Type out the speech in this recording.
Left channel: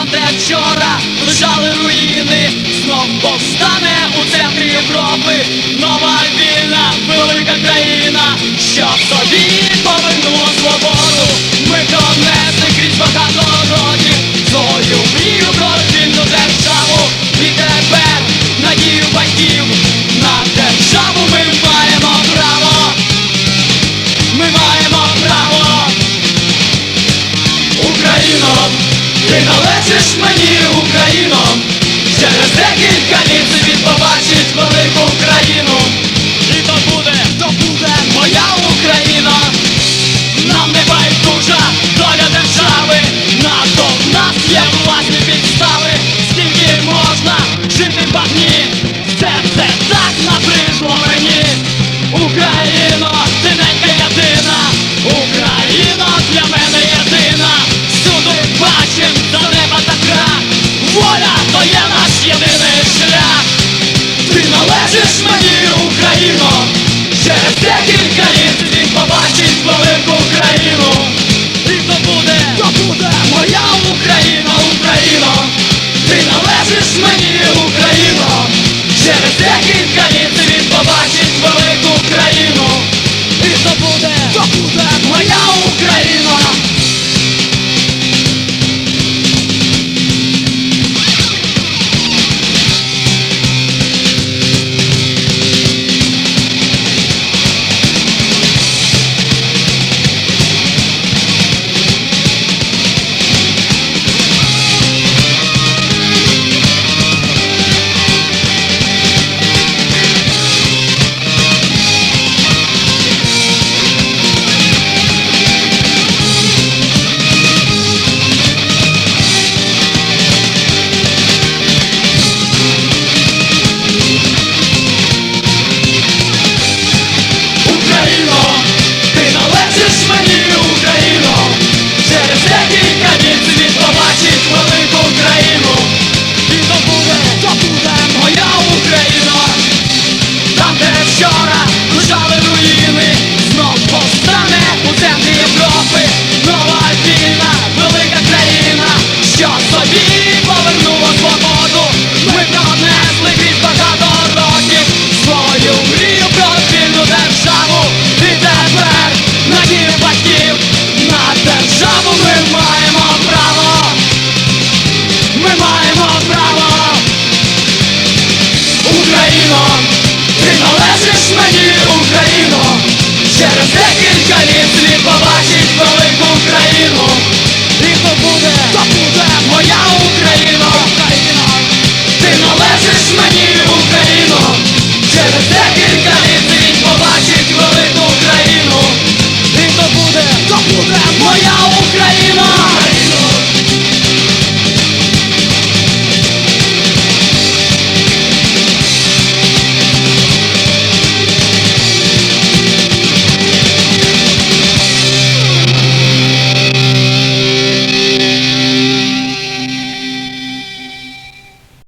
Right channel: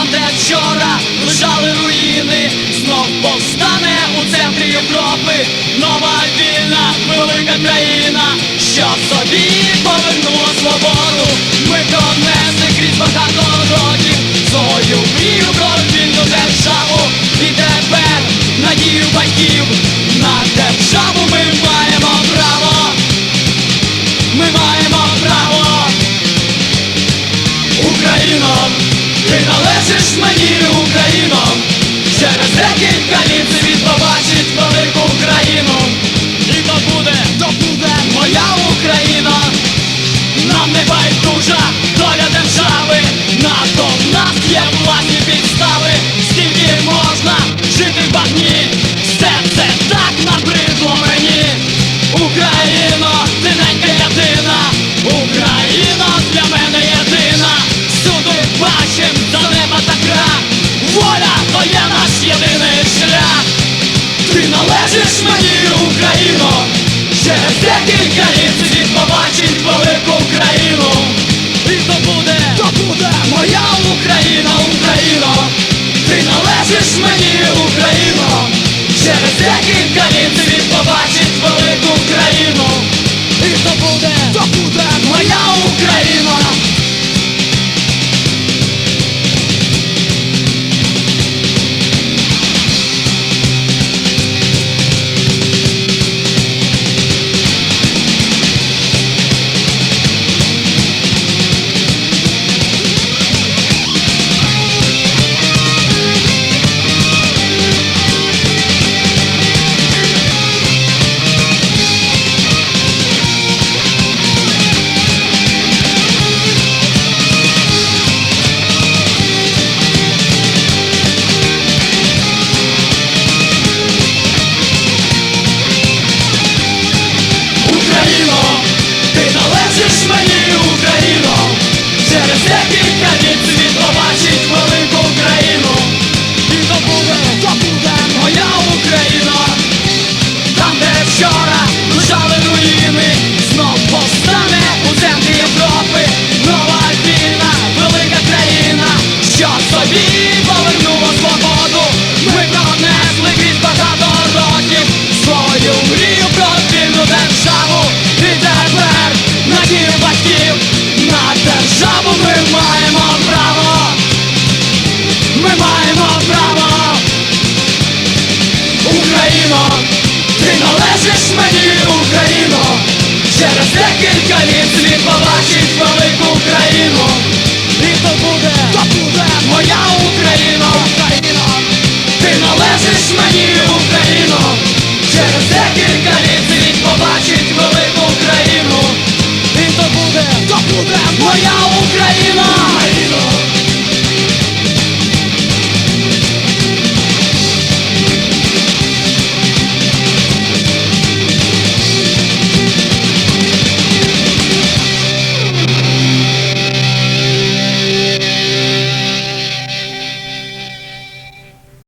вчора лежали руїни, знов повстане у центрі Європи. Нова вільна, велика країна, що собі повернула свободу. Ми донесли крізь багато років свою мрію про вільну державу. І тепер надію батьків на державу ми маємо право. Ми маємо право. Україно, ти належиш мені, Україно, через декілька літ світ побачить велику через декілька літ світ побачить велику країну. І то буде, то буде моя Україна, Україна, Ти належиш мені, Україно, через декілька літ світ побачить велику країну. І то буде, то буде через декілька літ слід побачить велику Україну. І то буде, то буде моя Україна, Україна, ти належиш мені, Україно, через декілька літ світ побачить велику країну. І то буде, то буде моя Україна.